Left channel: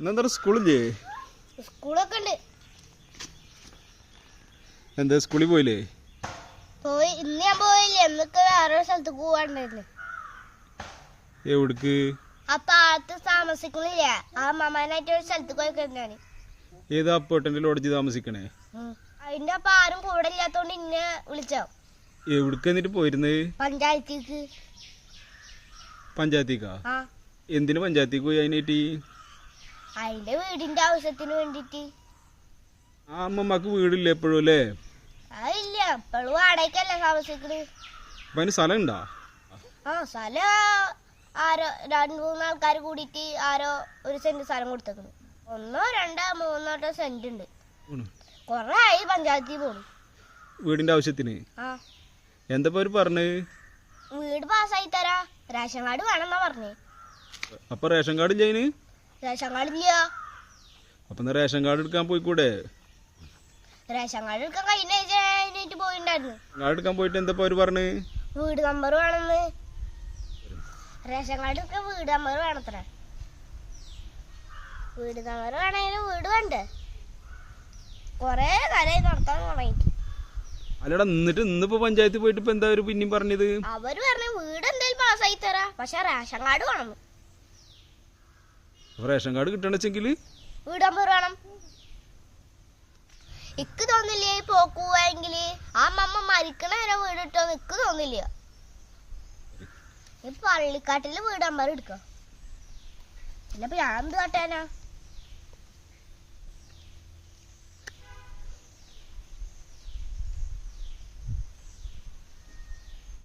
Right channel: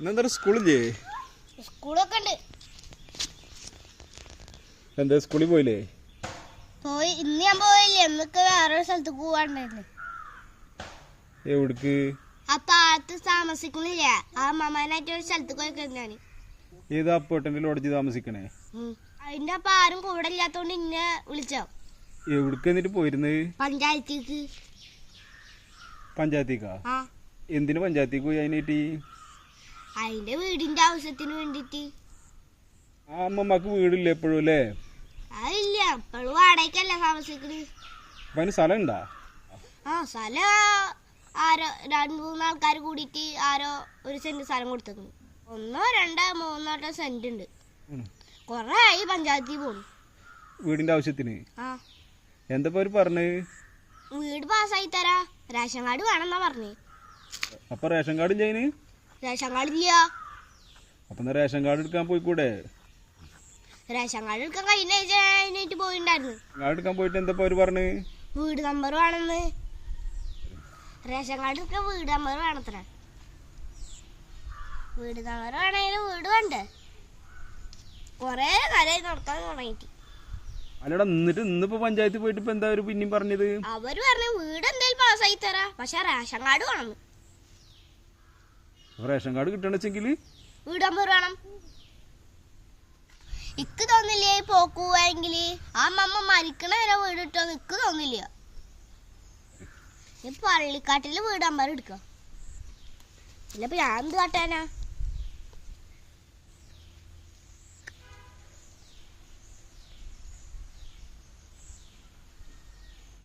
ഇന്നെന്താ സ്കൂളില്ലേ? സ്കൂളൊക്കെ ഉണ്ട് എന്താ സ്കൂളിൽ പോയില്ലേ? പോയി ഇന്ന് ഞാൻ പോയില്ല. എന്നൊക്കെ വേറെ സ്ഥലത്ത് പോവാണ്ടായിരുന്നു. എവിടേക്ക്? ആ താഴത്ത് താമസിക്കുന്നില്ല ആ അമ്മമാനായിട്ട് ഒരു സ്ഥലത്ത് പോയിക്കൊണ്ടാണ് ഏതാ അപ്പോട്ടന്റെ ലോഡ്ജ് താമസിക്കണേ? അതിന്റെ അപ്പൊ ആരും കൂടെ ഇല്ലാത്തോണ്ട് ഇന്നെ വിളിച്ചോ എവിടേക്ക് എന്നിട്ട് പോയിരുന്നത് പഞ്ചായത്തേക്ക്. പഞ്ചായത്തേക്കാ? ആ. എന്തിന് പഞ്ചായത്തേക്ക് പോയി അതിനായിട്ട് അതിന്റെ വീടിന്റെ ആവശ്യത്തിന് വേണ്ടിട്ട് ആ അമ്മമ്മക്ക് വീടില്ല എപ്പോഴും അല്ലേ? അതില്ല ഇപ്പോഴും വാടകയ്ക്കല്ല താമസിക്കണ് അപ്പം സ്ഥലം ഉണ്ടാ? ആ സ്ഥലം ആരോ രണ്ട് മൂന്ന് ആൾക്കാർ കൂടിയിട്ട് ആരോ ഒരു സെന്റ് സ്ഥലം കൊടുത്തേക്കണ്. ഒന്നോ രണ്ടോ മൂന്നോട്ടോ സെന്റ് ഉണ്ട്. കൊറേ ആയി പഞ്ചായത്തിൽ പോണു. വീടിന്റെ ആവശ്യത്തിന്? എന്താ പറഞ്ഞ്? വീട് പാസ്സായി തരാ. റേഷൻ കാർഡ് വേണമെന്നാ പറഞ്ഞേ. അപ്പൊ റേഷൻ കാർഡ് ചെയ്യന് റേഷൻ കാർഡ് അപ്പൊ റേഷൻ കാർഡ് എടുക്കാൻ പോയിക്കൂടെ? റേഷൻ കാർഡ് എടുക്കാൻ കഴിഞ്ഞ പോയിണ്ടായിരുന്നു. കാർഡ് എടുക്കാൻ പോയിട്ട് എന്താ അവർ പറഞ്ഞു? വീട് നമ്പർ വേണമെന്ന് റേഷൻ കാർഡ് എടുക്കാൻ വീട് നമ്പർ വേണത്ര. വീട് നമ്പർ വേണമെങ്കിൽ വീട് വേണ്ടേ? കൊറേ കാലായി നടത്താൻ തുടങ്ങിട്ട് അല്ലടാ എന്നിട്ട് ഇന്നിപ്പോ പഞ്ചായത്തിൽ പോയിട്ട് ഇപ്പൊ എന്താ അവർ പിന്നെയും പറഞ്ഞത്? അവർ പറഞ്ഞു വീട് എന്തായാലും പാസ്സായി തരാ. പക്ഷെ റേഷൻ കാർഡ് വേണം. റേഷൻ കാർഡ് കിട്ടണെച്ചെങ്കിൽ ഇക്ക് തോന്നില്ലേ ഈ പോക്ക് ആ മമ്മ മരിക്കണ വരെ വീട് കിട്ടുമെന്ന് ഇക്ക് തോന്നില്ല. ഈ പള്ളിക്കാട്ടിൽ വീട് നമ്പർ എടുക്കാം. ഇല്ലപ്പോ ഞാൻ എന്ത് കാട്ടാനാ?